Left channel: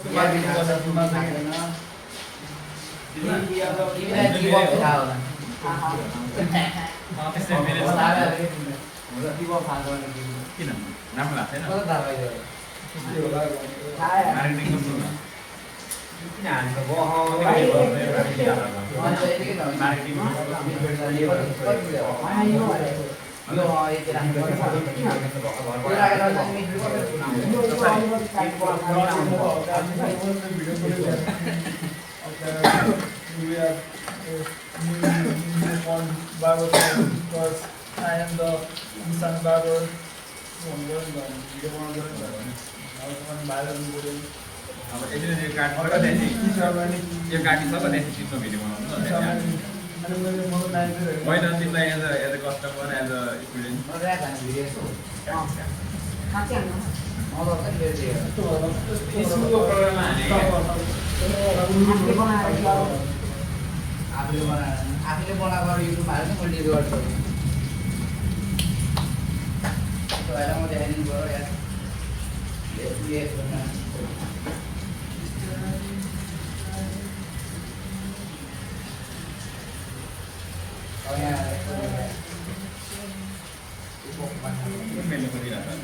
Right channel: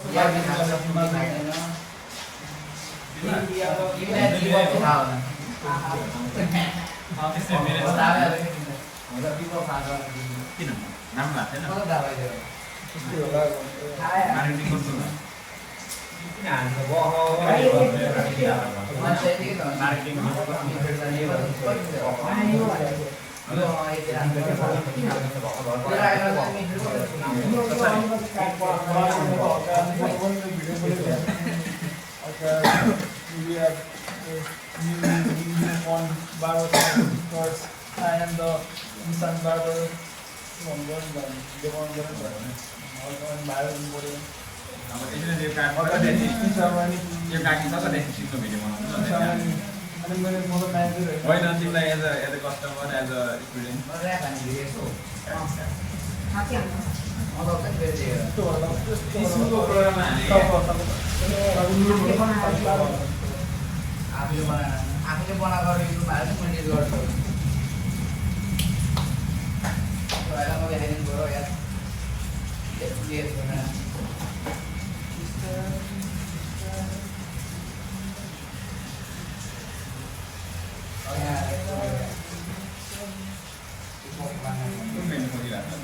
या भी खाना खाते ना ये भी जीवन पे था वाला आप इससे मेरे साथ मतलब जीवन खाना किन नाम लाग्दैन मलाई थाहा भइदियो मार्केटिङ गर्छु किन हान्छ marketing Barber first. I am the son barber. अब त्यसरी यो कार्ड पठाइदिए यो कार्ड सक्छ नि सिस्टम भिडियो बनाउनु होइन तिमीलाई as a customer as a student स्कुलको प्रोग्राममा आफूले बनाएको युट्युबमा हाल्छ मैले गर्छु म देखाइदिनु पऱ्यो यार मेनु खोजिरहेको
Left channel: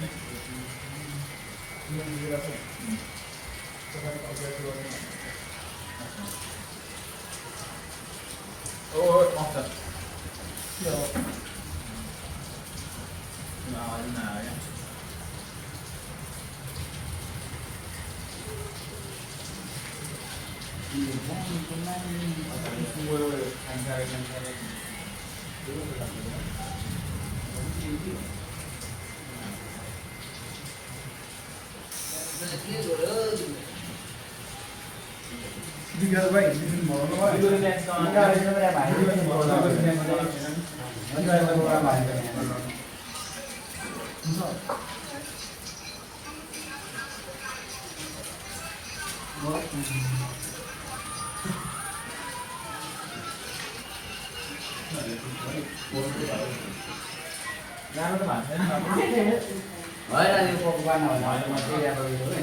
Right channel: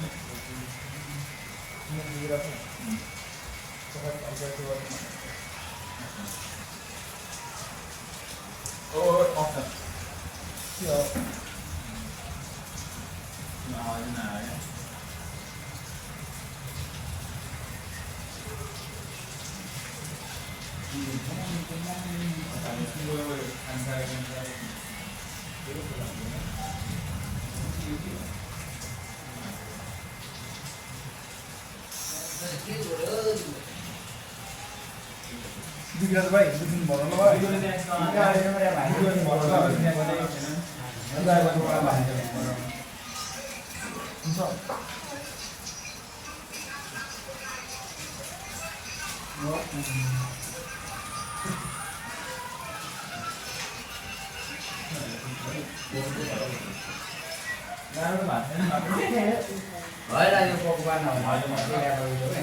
होइन यो पकवान भन्दा म चाहिँ ल्याएको छु है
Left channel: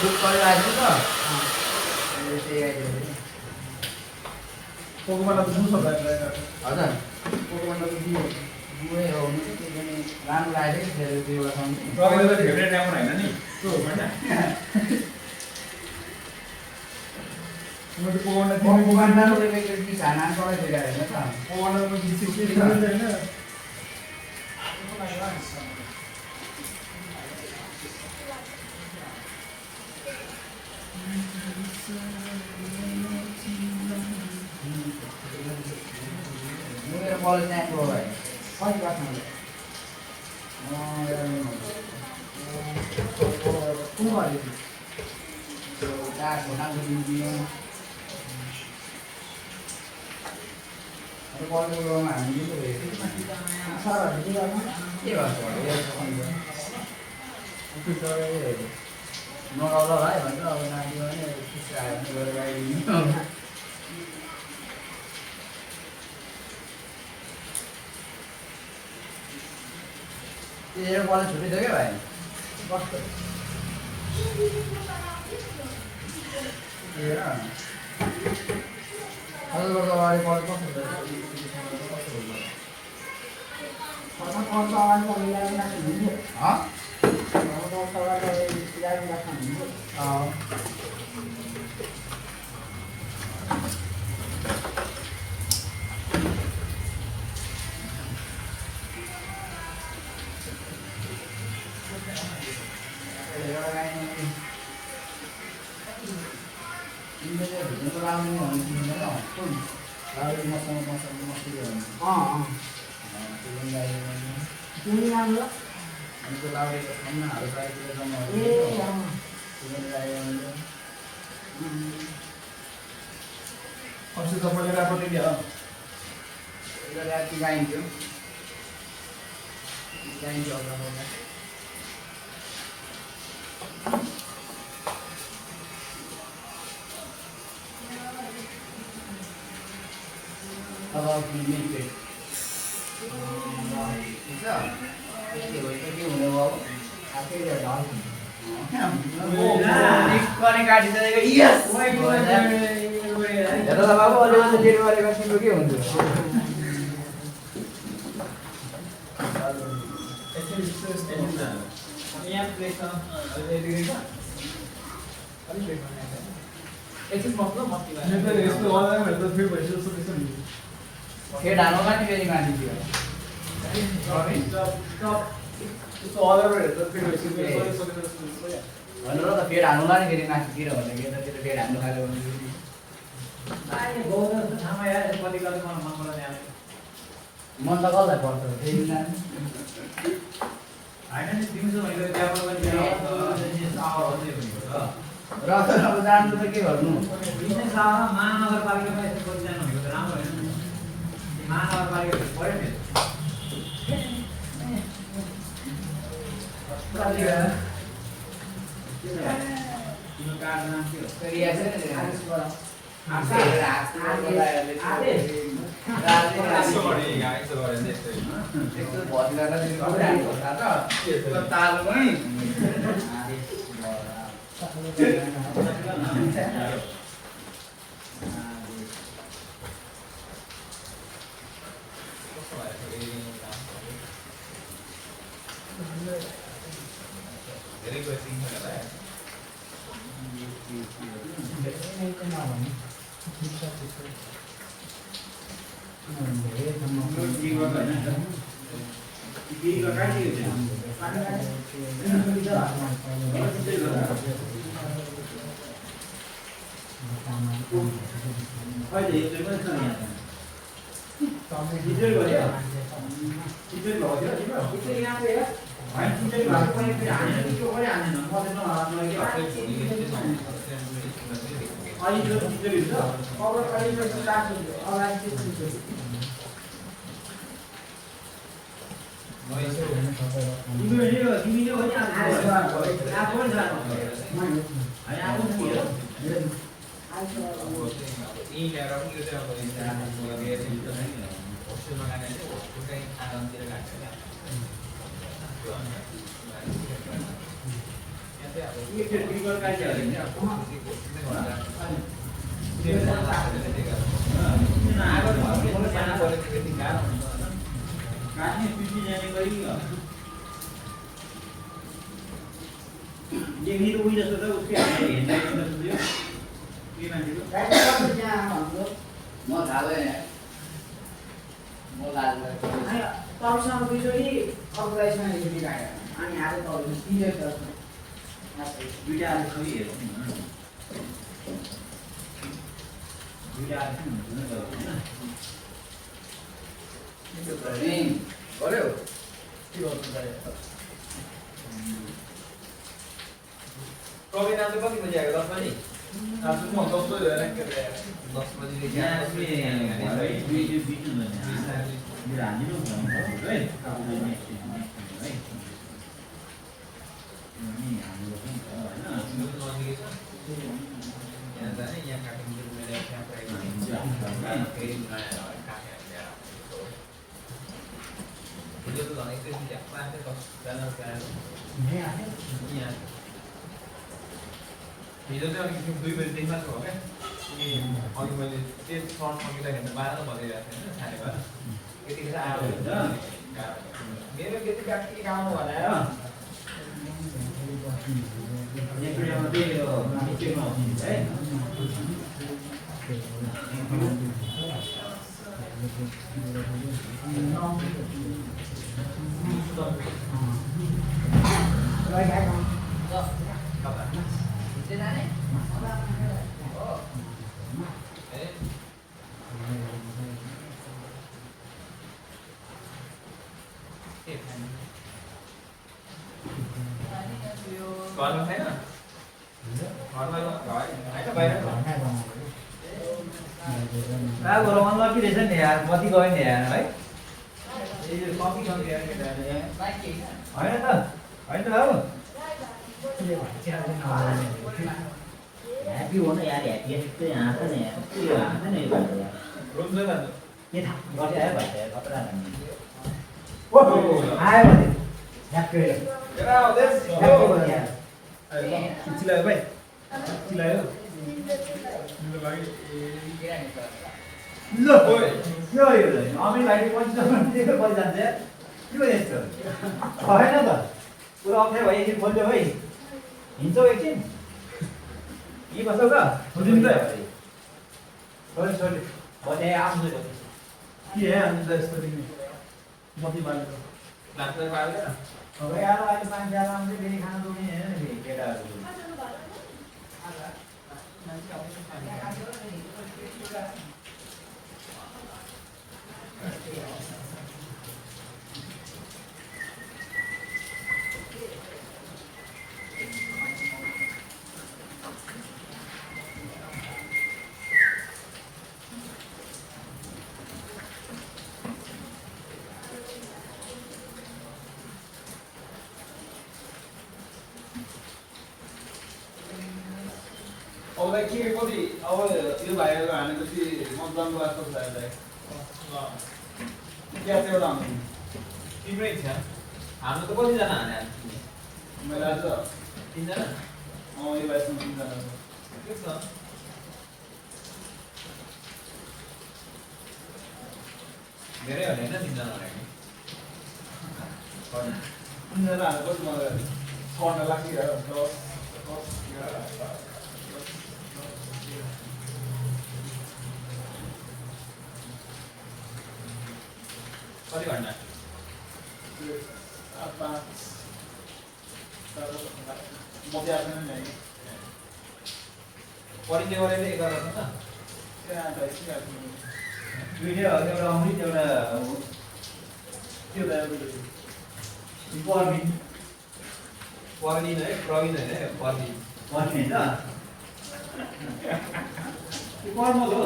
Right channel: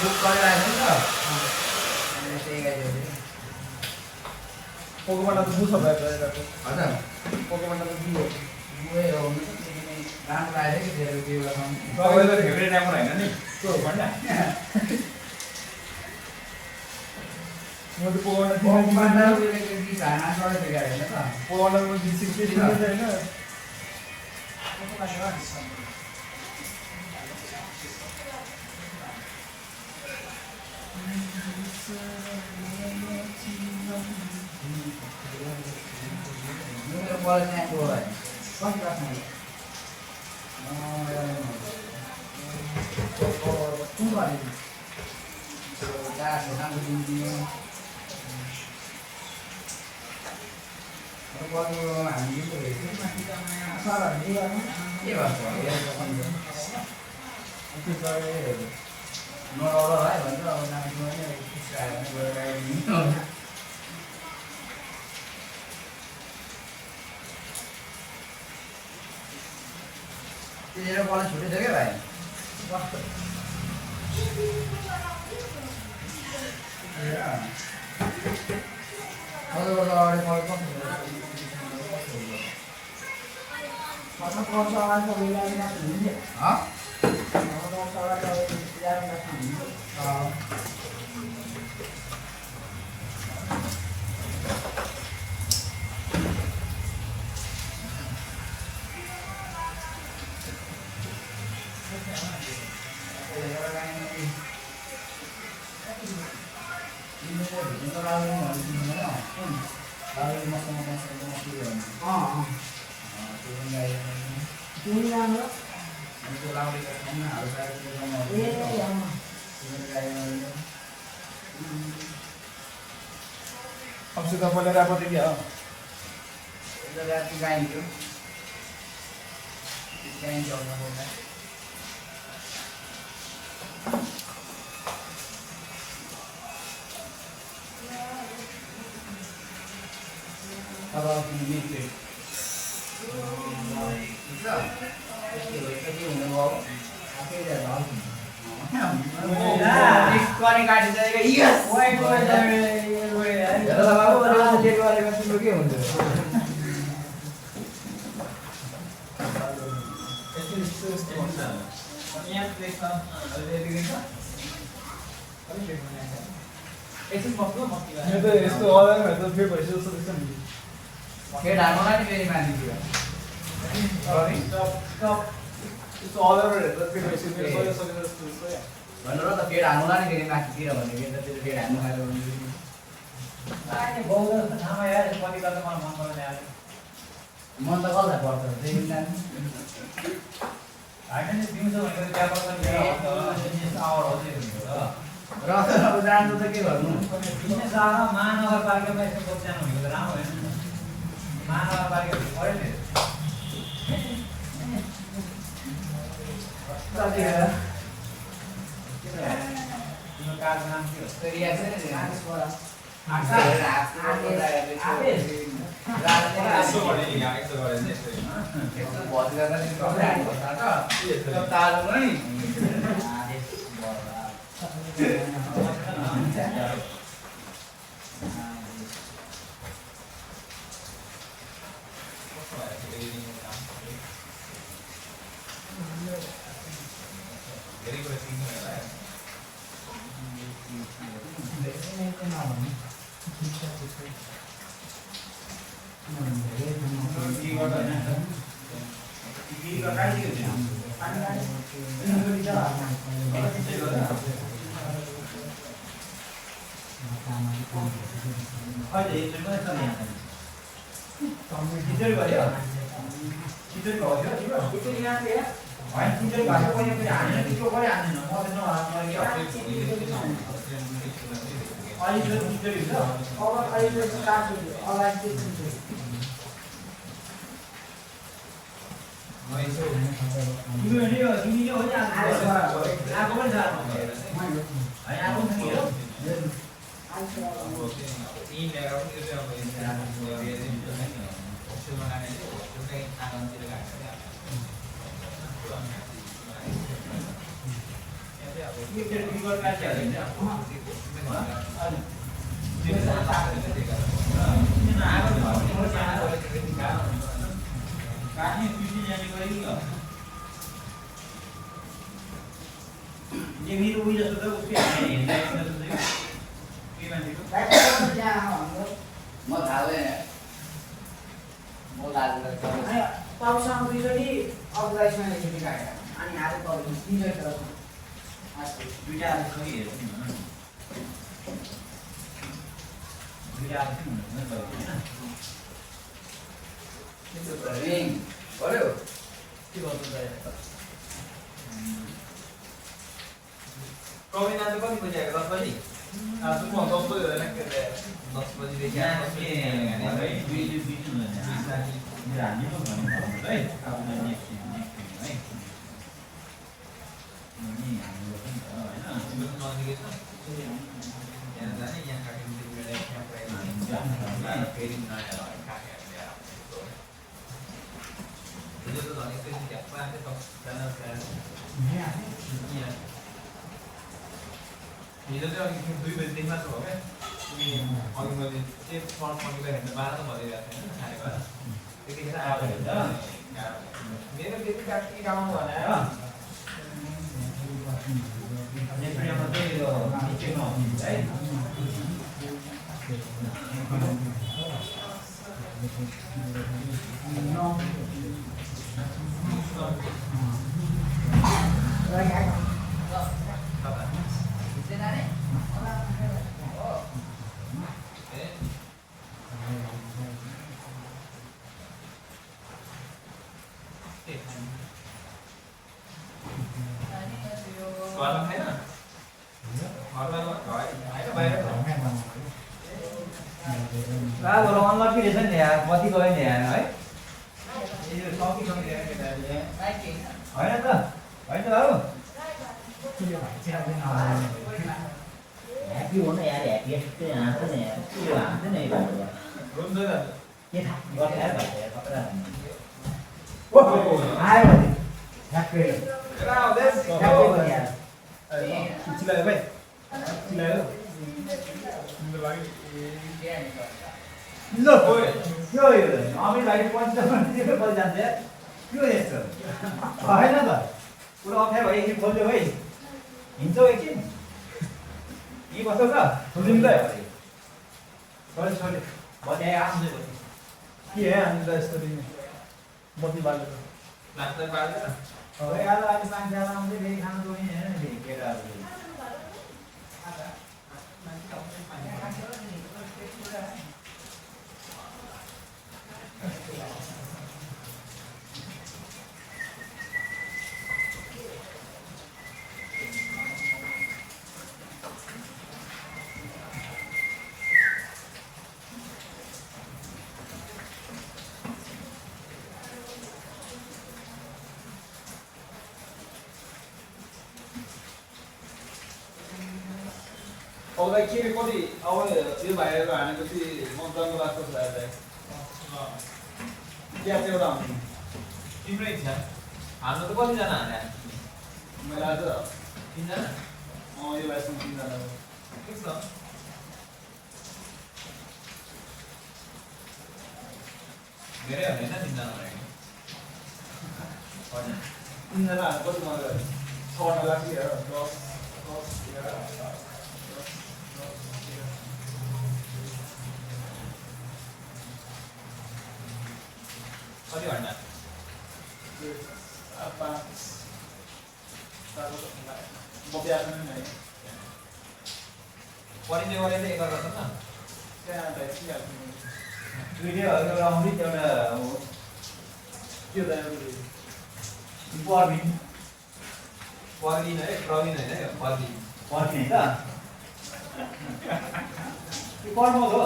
बुक गरिरहेको छु त Pokemon aku susah banget. हजुर Pokemon aku dulu. gue हो राम्रो लाग्यो कि धेरै त्यो तपाईँको फेभरेट एमर होइन नि त्यो होइन मैले Pokemon aku पकवान त उयो खाना सबै दिएको हैन त Pokemon aku disiplin होइन मेरो कलेज यहाँको है कति क्लासमा कुन कलेज गएको नाम दिने अब कलेजमा हामी यो हेर्छौँ के भन्छ नरौलो है भन्छ अब नानीमा पनि अब खुसी आयो भने गएर गाइदिने तेरो कलेज छुट्टी थियो क्या भाइ अगाडि कलेज अब सुधा पढेर आएको क्या राति गाइन्थ्यो गाइन्थ्यो अब मिट के हुने भयो आफै पनि काटिदिँदैन यस हेर ल बाबु अलिकति चेक गरेको तिम्रो के हुन्छ यहाँ प्लेस छ एकछिन मक्लो मक्लो यस्तो अगाडि त फेरि भइसक्यो जस्तो हुन्छ खेड हाल्नुला नि फेरि मान्छे यस्तो अगाडि हेर्दा फेरि भइसक्यो भनेर त फेड हाल्नुला नि फेरि माथितिर भनेको यतातिर फेड हाल्नु खाल्यो भने मन त कसलाई पर्छ फेरि र अब जानु त के गर्नु महानगरपालिकामा यस्तो प्रोग्राम भनेको राम्रो होइन महानगरपालिका पऱ्यो नि कार्ड नाम के हिजो चाहिँ अलिक 2 बजेदेखि मात्र भयो क्या अनि मैले के सर्ट सकिँदा हेर्दा 12 त भइरहेको थिएन खानेको त्यतिखेर आयो मेरो त्यति काट्टी गाउनु भने मती गयो नि यार है यो सकी होइन त होइन हौ ह्याप्पी हो न यार ह्याप्पी त्यही हाँस न यार त्यो हाँस नै भयो यार रुम जाँदा के थाहा गफ यार भयो यार खतरा ओ आयो भने ह्याप्पी हेर आउँदैछ ह्याप्पी भयो यार चिलायो भाइ चिलायो ल यो अमित भाइले पञ्चाउन्न बजी जान्छ के यस्तो होइन त पुरा अप्ठ्यारो भयो एकछिन खोल्यो भाइ हिँड्छौ एकछिन यहीँ बस्छौ त छोडिदिनु त छोड्यो छोड्यो बजी आउँछ के है हामी त यस्तो दिने बत्ती बाल्नु लाग्दै पार्दैन यार अहिले मान्छे आउँछ फेरि खाना दोनी हेर्न फेरि केटाहरू अब के कति अब यो भाइहरू हानेपछि मतदानको लाग्छ भाइ क्या चाहिँ एउटा हान्नु तिम्रै इच्छा हान्नु त कतिजना हाने मैले आज 3 जना यो भाइसँग 3 जना के छ धेरै हाने हैन 3 जना लागि 3 जना हाने कति मलाई 6 लागिरहेको कति घन्टा परिचय गरेर चाहिँ एकअर्कासँग भिडियो एउटा आउँछ एउटा पर्मिन पर्मिन है प्रवीण होइन पर्मिन पर्मिन होइन कर्म हो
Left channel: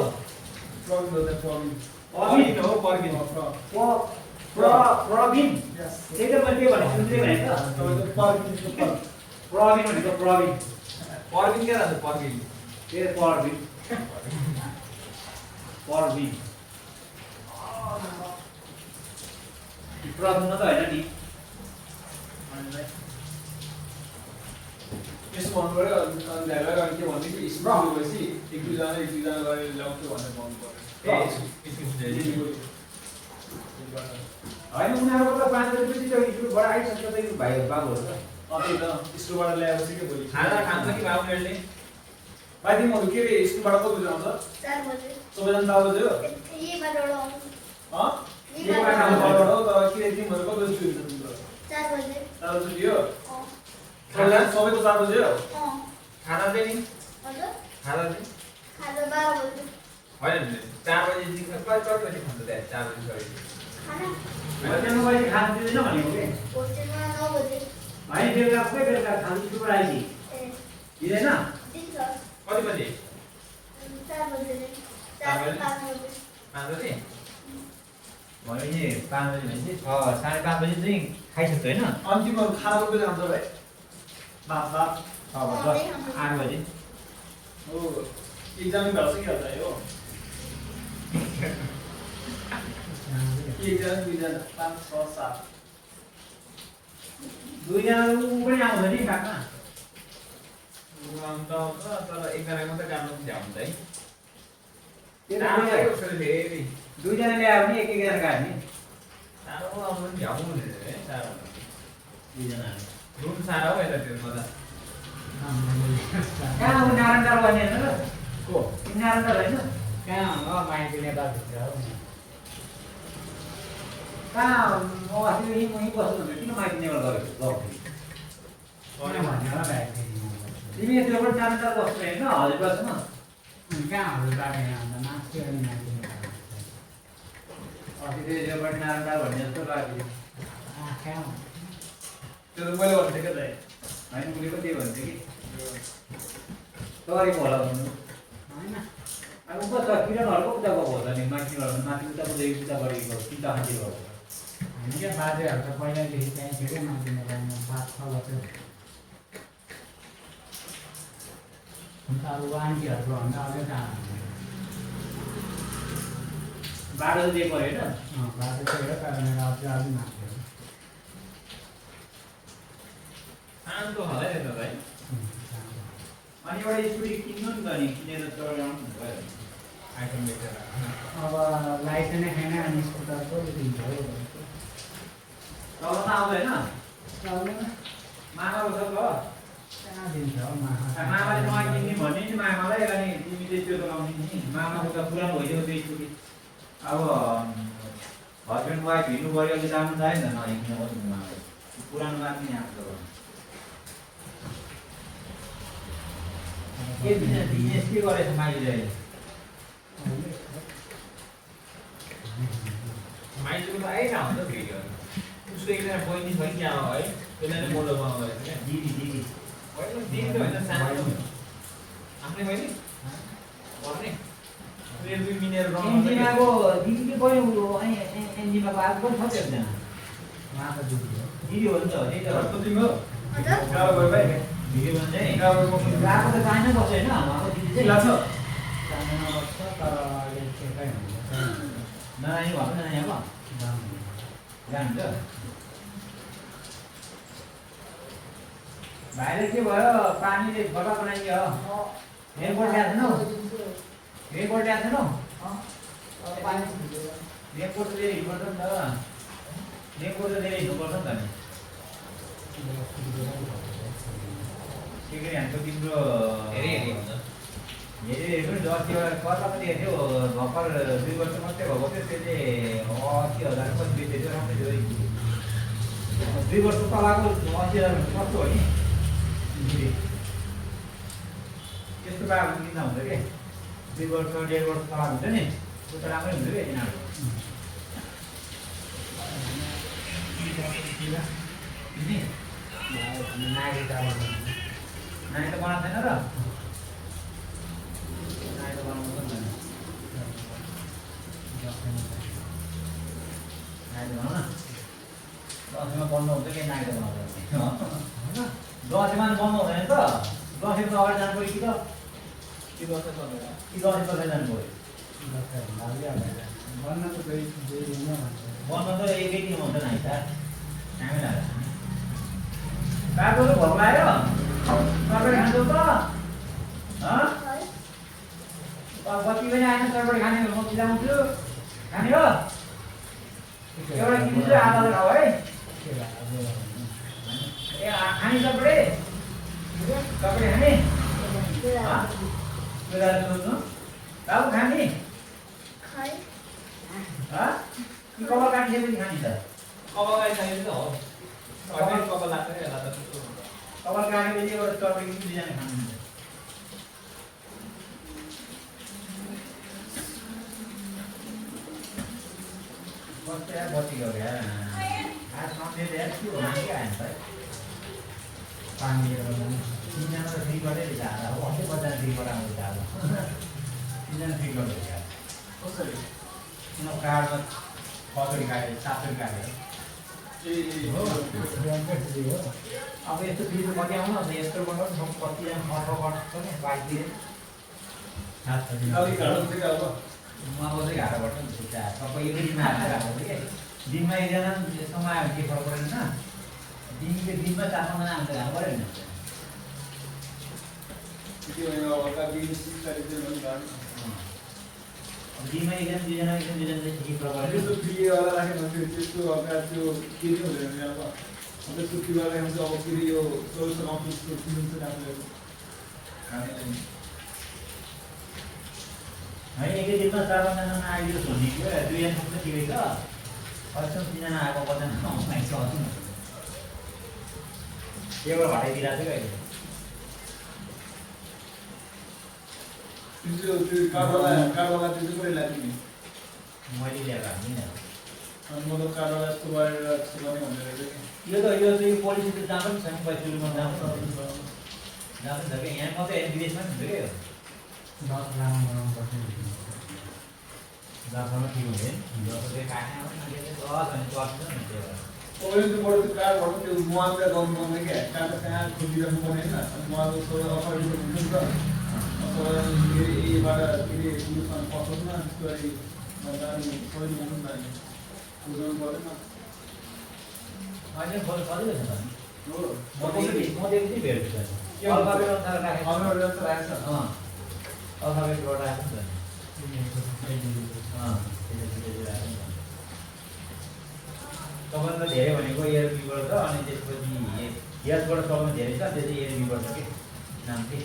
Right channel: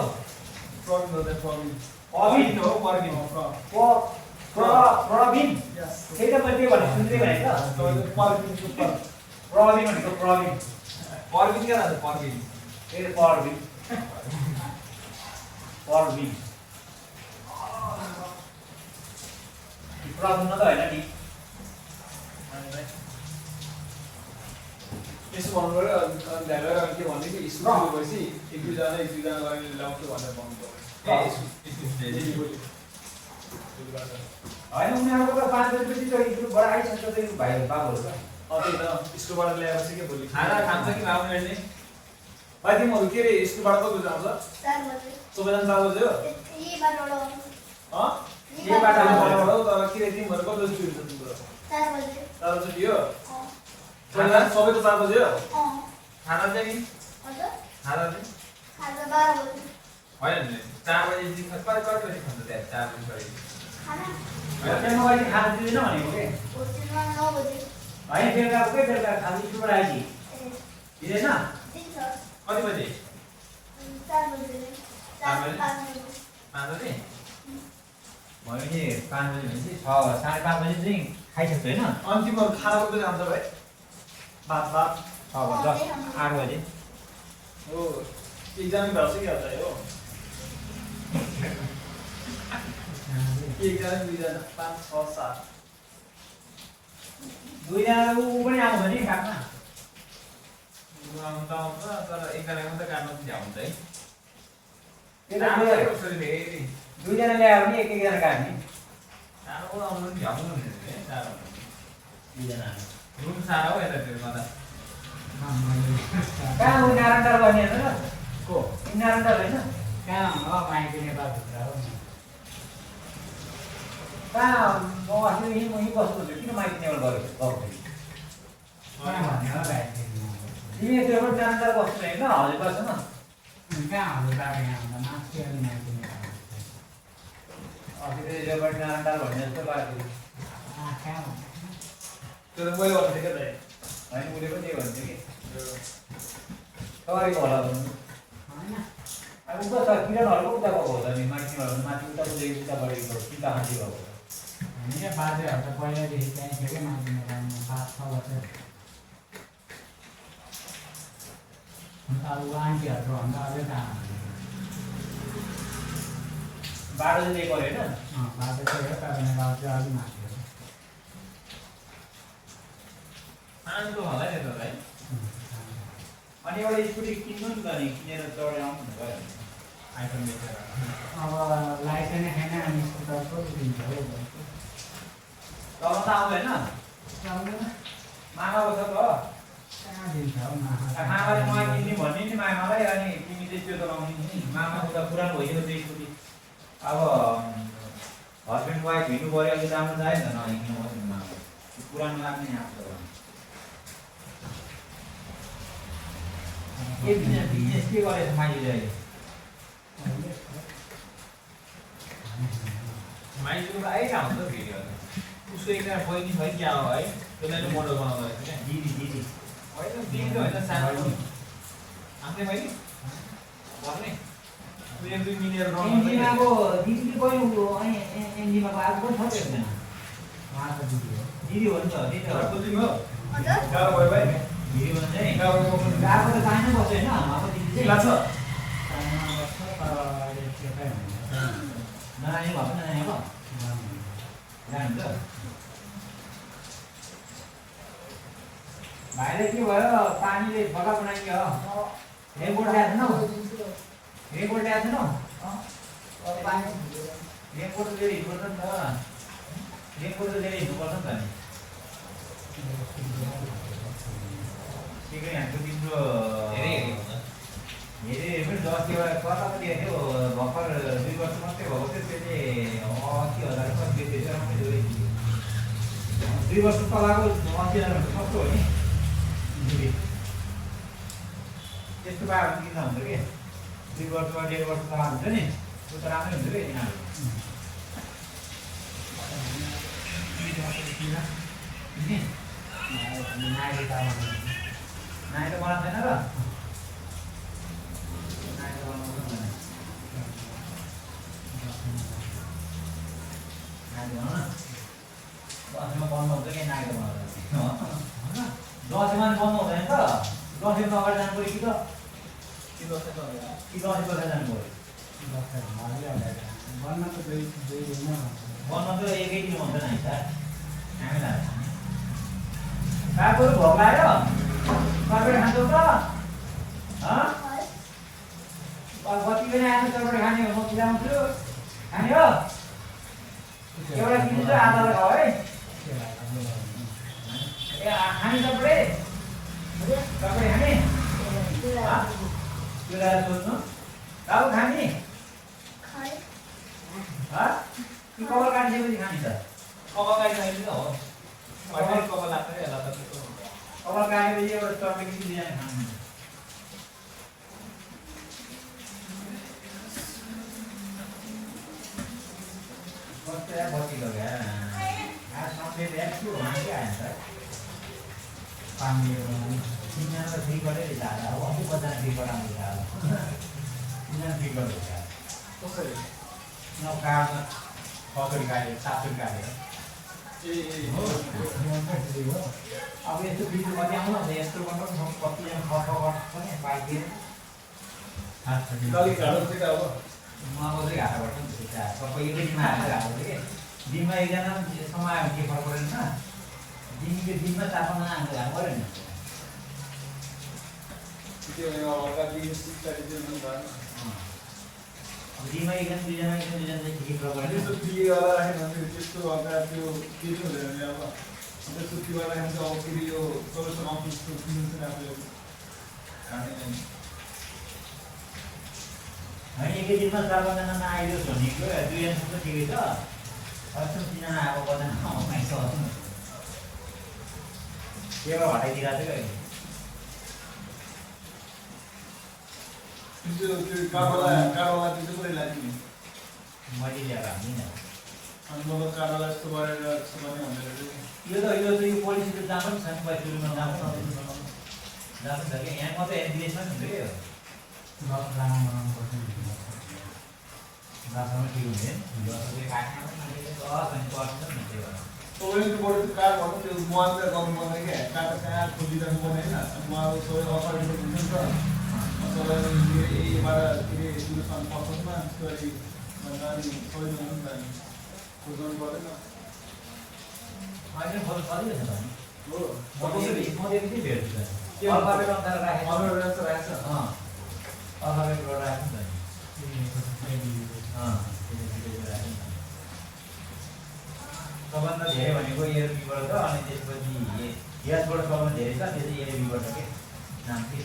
प्रवीण हो त पर्मिन पर्मिन हो पर्मिन प्रवीण त्यही त मैले के भने सुन्दै भने त प्रवीण भनेको प्रवीण पर्मिन क्या त पर्मिन के पर्विन पर्विन प्रब्लम त होइन नि यसो भन्नुबाट ल्याएर के भन्ने कि स्कुल गएपछि एक दुईजना गरेर ल्याउँछु भनेर भन्नु होइन उनीहरूको त 5 बजेपछि स्कुलबाट आइसक्छ भाइ बाबुहरू त त्यही त स्कुलबाट ल्याएपछि के भोलि खाना खान्छ कि बाबुहरूले भाइ तिमीहरू के अरे स्कुलबाट कति बजी आउँछ 4 बजे सबैजना 4 बजे हो यही बाटोबाट आउँछु के बाटोबाट हो तर के अरे तिमीहरू कति बजी हुन्छ तिम्रो 4 बजे 4 बजी हो खाना सबैको 4 बजे हो खाना चाहिँ नि हजुर खाना चाहिँ खाजा 12 बजे होइन नि 4 बजेदेखि कति बजी खान्छ त्यहाँ 4 बजी खाना त्यहाँ मोबाइल खाना दिँदैन भनेको के होस्टेलमा 9 बजे भाइ बेलुका के बेलुका खाली स्कुलबाट आइछि दिँदैन दिन्छ कति बजे 4 बजे 4 बजे 5 बजे 5 बजे भने 5 बजे भनेपछि 5:30 बजे चाहिँ खाइसक्छ होइन अनि तिमीहरू खाना कति बजी आउँछ भाइ भात 8 बजे हो एकजना भेट्छ कि होला यो एकजना दुईजना 5 6 7 दुईजना ऊ पनि आउँछ नि खाना आउँदा आउँछ तर एकजनाको मात्रै काम पनि भ्याउँछ है त्यही त फेरि दुईजना ल्यायो भने एक एकजना काट्ने सानो आउनु पनि भ्याउनु है साह्रो दुईजना रुम साह्रो हो यतातिर त कहाँ हो नारायणटार बस्ने हेर्नु न को नारायणटार होइन कहाँ हो माइती नेपालभित्र हो कहाँ म अस्ति यहीँ बस्नु भने किन माइती नेपाल गरेको कहाँ भन्ने होला भाइ तिमी त्यो पनि नारायणटार बस्नु होइन हजुर बस्छ न कहाँ हजुर बाटो यहाँ आउँदा माथि अनि माइती नेपाल अस्ति त्यो जोबाट नारायणटार भन्ने जस्तो लाग्यो कहाँ हो त्यो त मैले भन्थे के त होइन उसले कति भन्थ्यो कि तपाईँको होला भन्नु होइन अब उता छ किरणहरूको उता गएको होला नि माथि माथि उता गरेको चिन्ता खाँदै गएको हामी क्या बाजेहरू त पहिलादेखि त्यहीँ थियो क्या माथि नेपालमा 5-6 वर्ष अन्त अब आन्टीहरूको भन्दा अझै कहाँ बाटो चाहिँ दिएको होइन बाजे त्यही हो कारणले अझै अलिक माथि हो शान्त होला नि त भाइ अनि एउटा स्कुटी किन्नु नि त नि किनेर चढेर आउनु भयो आइफोन बेचेर अब लाइसेन्स नै छैन अनि स्कुटर पो दिन्छ हो तल त आउँदैन आउँदैन मामा बस्छ भयो कहाँ दिन्छ हौ मामाले नयाँ किन्ने भन्ने नि मामालाई अनि तिमीले त्यो चलाउने नि मामाको त पुरानो भइदियो त्यो स्कुटी अब हस्बेन्ड वाइफ हिँड्नु गयो कि जानु चाहिएन नहिँड्नु भयो नि मामाले पुरानो लाग्ने नि आफ्नो के बिजनेस के गरेछ माइलीले माइजूको त आइरहेको हुन्छ भिडियोहरू उसको एकजना बहिनी छ नि अब है त्यसलाई चाहिँ मोडल बनाउनु भएको क्या दिदी होइन दिदी त होइन सानो आफ्नै बहिनी भन्ने उनीहरू दुई मिलेर एनजिमाको दिदी पनि अनि एनजिमाको आएको पनि छ एकजना उहाँ त दिदी हो दिदी हो नि त त्यही त हजुर गाउँ गयो भाइ दिदी भन्छ है गाउँको आएको त चाइना बस्छ होइन अब दिदी चाहिँ लाग्छ चाइनामा बस्छ तर अहिले चेकै हुनुहुन्छ नआयो भएको नआयो अब जानुहुन्छ भाइले के भयो पानीले फटा बनाइदियो रेनकोट ल्याएको छैनौ रेनकोट ल्याएको छैनौ रेनकोट त लिएर हिँड्नुपर्छ नि त रेनकोट त लिएर हिँड्नुपर्छ नि त नि के के हाम्रो तिम्रो हेरी हेरी हुन्छ हेरे पनि अस्ति एउटा कता पनि हेर्थ्यो भर्खर 2 वर्ष मात्रै भएको थियो त्यसले 80,000 कति बेच्दै थियो राम्रो थियो 2 वर्ष तलको 80,000 कस्तो हो नि त्यस्तो पाएको किन हुन्छ कि 2 वर्ष 1.5 वर्ष तल हुन्छ नि त्यो त राम्रै हुन्छ कि यिनीहरू नानी त नानी त बनाएको छैन र दसैँमा बन्द हुन्छ कि नागेर बनाउँछ दसैँमा बन्द हुँदैन त दसैँको अगाडि जानु पऱ्यो कि त के गर्छ चलेर कि दसैँ पछि जानु पऱ्यो बन्न त दुई दिनमा बन्द त एकै दिन हुन्छ नि सर हामी लाग्छ बाटोहरू भोक लाग्यो चटपटी खान्छौ त बत्ती पनि आएन चटपटी खाने हो म खिलाउँछु खाने हो एउटा किन्छु आधा खाऊ है ए खाने चटपटी चटपटी खाने त्यो गरेर सोध्नु बाबु खाने खाइ कि कवर काटिसकेपछि खाने त कपाल गाडी चाहिन्छ हो अहिले कपाल लाग्छ नि यसलाई त त्यस्तो हुन्छ कवर काटेपछि एउटा चटपटी कि बिहान खानु बत्ती गयो क्या सन्डे ल्याएर के हुनु के आयो त पानी तिनजना फ्री गरेर जाँदा अब अझै 50 फ्री पठाउनु जाँदा तिनजना फ्री गर्नु क्या कसरी उनीहरू कार्डमा कचोरी काट्यो सापचोरी काट्यो हो अब यस्तो भिडियो कति आउनु भने यस्तो गर्नु कतिजना खर्च गर्छ नि बाइकतिर अलिक घाँडो चाहिँ अब म चाहिँ घाटा गर्छ नि त्यो सबै एकै दिनमा हालेर घाटा गर्छ क्या दिनमा एकजना समय आयो के फरक परेन दिनमा 4-5 जना आएर घाटा पऱ्यो नि अब दिनमा एकजना 2 जना चाहिँ ठिकै फरक परेन होइन एकै दिनमा 4-5 जना नआइदियोस् भन्ने थियो 2 जना त ठिकै छ अहिलेसम्म 3 जना आएको बजान नआइस त्यो हटाइदिरहेको थियो अहिले मैले ल्याएको हामी यो चाहिँ पोलिसी त जहाँ पनि छ नि पैसुलीमा जहाँ पनि छ कि यहाँ मात्रै विदेशमा पनि हुन्छ क्या 10 लाख बनाउनु पर्छ दसमा ठिक हुँदैन दसले काट्न पनि ठिकै छ अनि पर्छ नि त्यो अहिले फोन सजिलो छ त म देख्दै भेट्छु के अल्फाबेट अनुसार राखेको अल्फाबेट जस्तो राखेको छ। अल्फाबेट गरेर राख्नु नि सबभन्दा धेरै भनेको एरबीबाट छ अनि त्यसपछि यसबाट सबभन्दा धेरै छ त्यो चाहिँ एरबीबाट के नाम के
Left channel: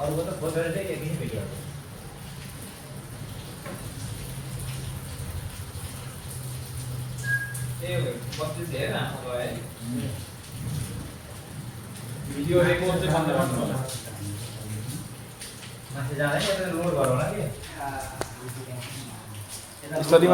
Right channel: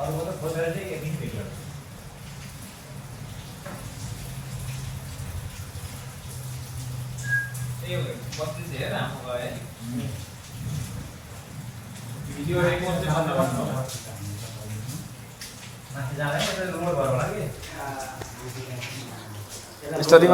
अरूको त खोजेर चाहिँ एकदिन भेटिहाल्छ ए 32 धेरै लामो गयो है भिडियो रेकर्ड चाहिँ बन्द गर्नु होला। माथि जाँदैन यता रोड घर होला कि यसरी